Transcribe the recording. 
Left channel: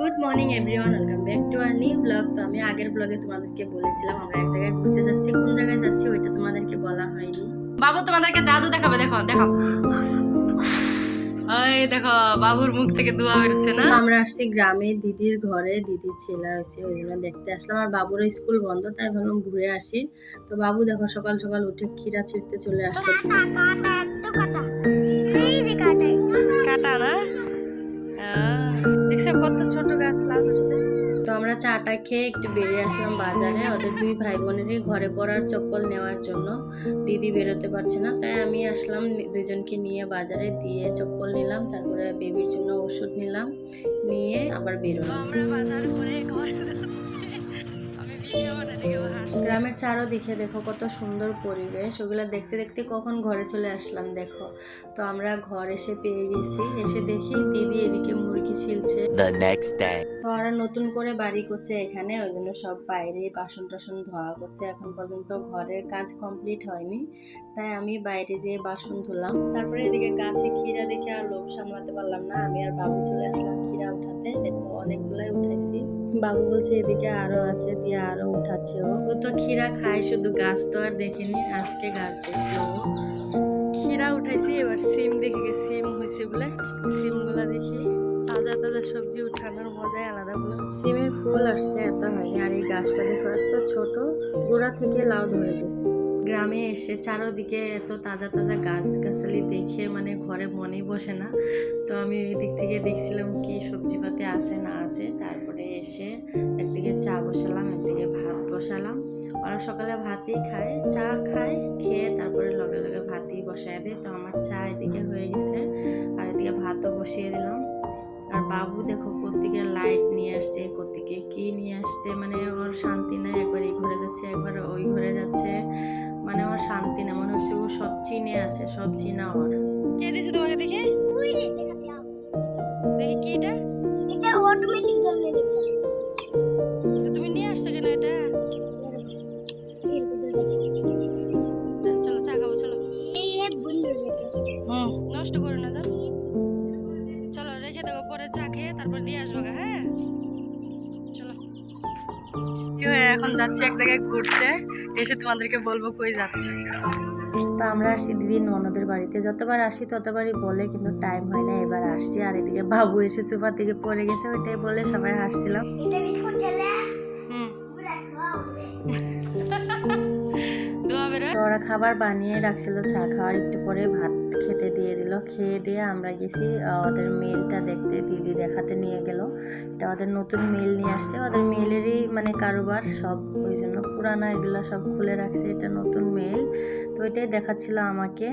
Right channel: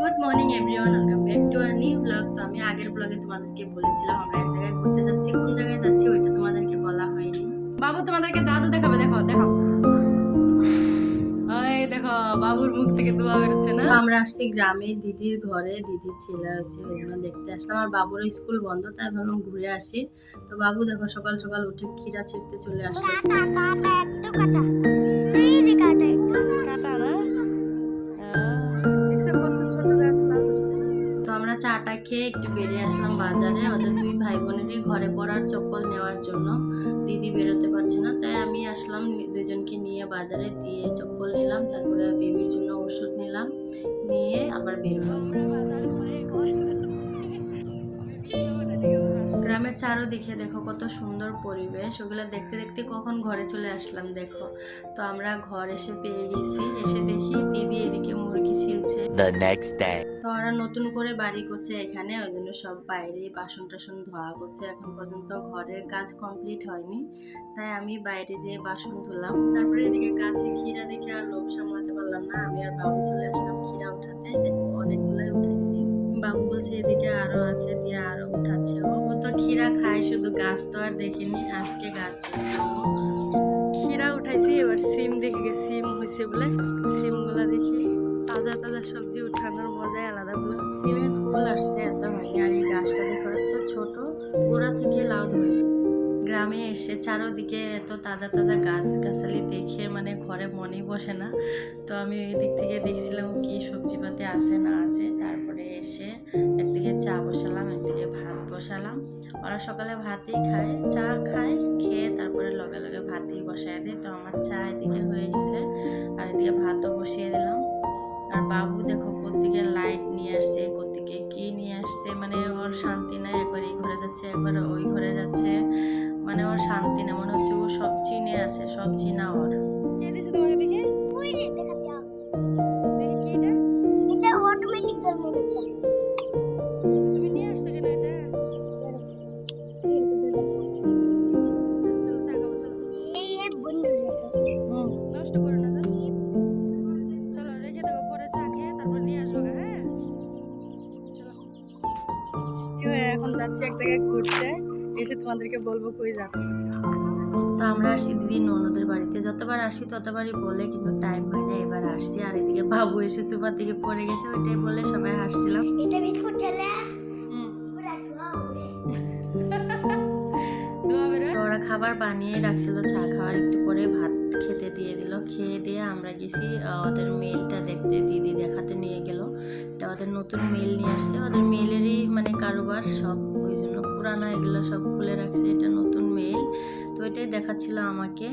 Good morning everyone, welcome back to our new blog. তো আমি আগের ব্লগে তোমাদেরকে বলেছিলাম আমরা এক জায়গায় ঘুরতে যাচ্ছি। কোন জায়গায় যাচ্ছি ওইটা তোমাদেরকে বলা হয়নি। বাবু তোমাদেরকে জাদু দেখাবে, দেখো দেখো। এই দেখো বাবুর মুখ থেকে ধোঁয়া বেরোচ্ছে না। আমরা আসছি গ্রামে দিদির ঘরে, দিদির ছেলে হয়েছে ওই জন্য দেখতে আসলাম। আর বাবুর স্কুল বন্ধ, তাই ভাবলাম ঘুরে আসি। তো বাবু দেখো সকাল সকাল উঠে ক্ষীরা ছিঁড়তে চলে আসলো। কাটা না, দেখছো কত ছোট গাছ লাগাচ্ছে। তো আমরা চাটা খেয়ে একটু বেরিয়ে আসলাম বাজারে, ওদের দুই ভাই বোনেরই ঘরে পড়ার চপ্পল নেওয়ার জন্য। দিদি বেরোতে পারছে না, তাই আমি আসলাম দুইজনকে নিয়ে বাজারে, দিয়ে চপ্পল নিলাম, তারপরে বেবির জন্য ওষুধ নিলাম, নিয়ে আবার বেরোলাম। আমরা বাজার করে ঘরে যাচ্ছি। গ্রামের চারোদিকে দেখো কত সুন্দর পরিবেশ, ওগুলো দেখতে দেখতে কখন ঘরে চলে আসলাম দেখো। তো আমরা ঘর এসে পেয়ে গেছি, এসে দেখি দিদি এদিকে মুরগি ছিলছে। তো ওরা নতুন করে বাড়ি করছে এখানে, ওই জন্য সব বাইরে বাসন টাসন ধোয়া করছে। এখন পর্যন্ত ঘরের কাজ কমপ্লিট হয়নি, তাই আমি বাইরে যেয়ে বাসন ধুলাম। তারপরে এদিকে গাছে ক্ষীরা দেখে আর লোভ সামলাতে পারলাম না, আমি আর বাবু চলে আসলাম ক্ষীরা উঠাতে। দেখো অনেকগুলাই উঠাইছি। বাবু বলছে এদিকে আরো আছে, দিয়ে আরো উঠাচ্ছে। ও তো ক্ষীরা খায় শুধু, গাছ তো আর দেখিনি, আজকে গাছ দেখলো। ক্ষীরা উঠাইছি, এবার সিম দেখে গেছি, সিম হয়েছে বলে সিম গুলা দেখি। তাজা তাজা সবজি উঠানোর মজাই আলাদা বলে। সিমের ফুল আসছে, এত হয়নি। আর এই গাছটা দেখো এত ছোট, গোড়া থেকে লাউ ধরে গেছে। গ্রামে এসে চারোদিকে এত তাজা তাজা গাছ গাছালি দেখে মানে ঘরে মনেই বসে না। তো আমি ওই দিক থেকে দেখছিলাম কি সবজিপাতি আছে না আছে। তারপরে এসে একদিকে চা বসালাম, একদিকে ভাত বসালাম। ওরা সকালে ভাতই খায়, চা খায়, খেয়ে তারপরে লগে লগে ভাতই বসায় দেয়। তো আমার চা এদিকে হয়ে গেছে, আর এদিকে ভাতও বসিয়ে দিলাম। আর বাবু দেখো কোত্থেকে লাইট নিয়ে আসছে, কোত্থেকে কি নিয়ে আসছে, মানে ওর শান্তি নাই। একবার এই ঘরে যাচ্ছে, একবার ওই ঘরে যাচ্ছে, মানে ওর শান্তি না। মনে হচ্ছে ও সব চিনে আছে, সব চিনা ওর। কে দিছে তোমাকে দেখে? দেখি কি এটা? এটা অটোমেটিক জ্বলবে। তুমি নিয়ে আসছো কেন এটা? চলো চা খাবো, চলো। নষ্ট করো না, যাও। চলো রেখে দেবো, পরে চা খেয়ে তারপর দিয়ে আসবো। হ্যাঁ চলো। এখন যাচ্ছি এক জায়গায় ঘুরতে, এসে তোমাদেরকে বলবো কই যাচ্ছি। তো আমরা আসছি দিদির ননদের বাড়িতে। যতবার আসি ততবারই বলে, কিন্তু টাইম হয় না। এবার আসছি, আর এদিকে বাবু এসে সোফার দিকে পড়ে গেছে, ওইটাই বলে সবাই হাসছিলাম। তো ওরা খাবার বানিয়ে রাখছিল, চা খাওয়ার একটু পরে ভাত খেতে দিয়ে দিল। খেয়ে দিয়ে আমরা গেছি ওদের মেলটা দেখতে, দিদি দেখাতে নিয়ে গেল। এটা ওদের নতুন মেল নিয়ে আসছে, ওদের মেলেরই মানে কারোবার সব, ওই জন্য পুরানা এগুলো সব খুলে রাখছে, এটা নতুন মেল। তো এটাই দেখাচ্ছিল আমাকে।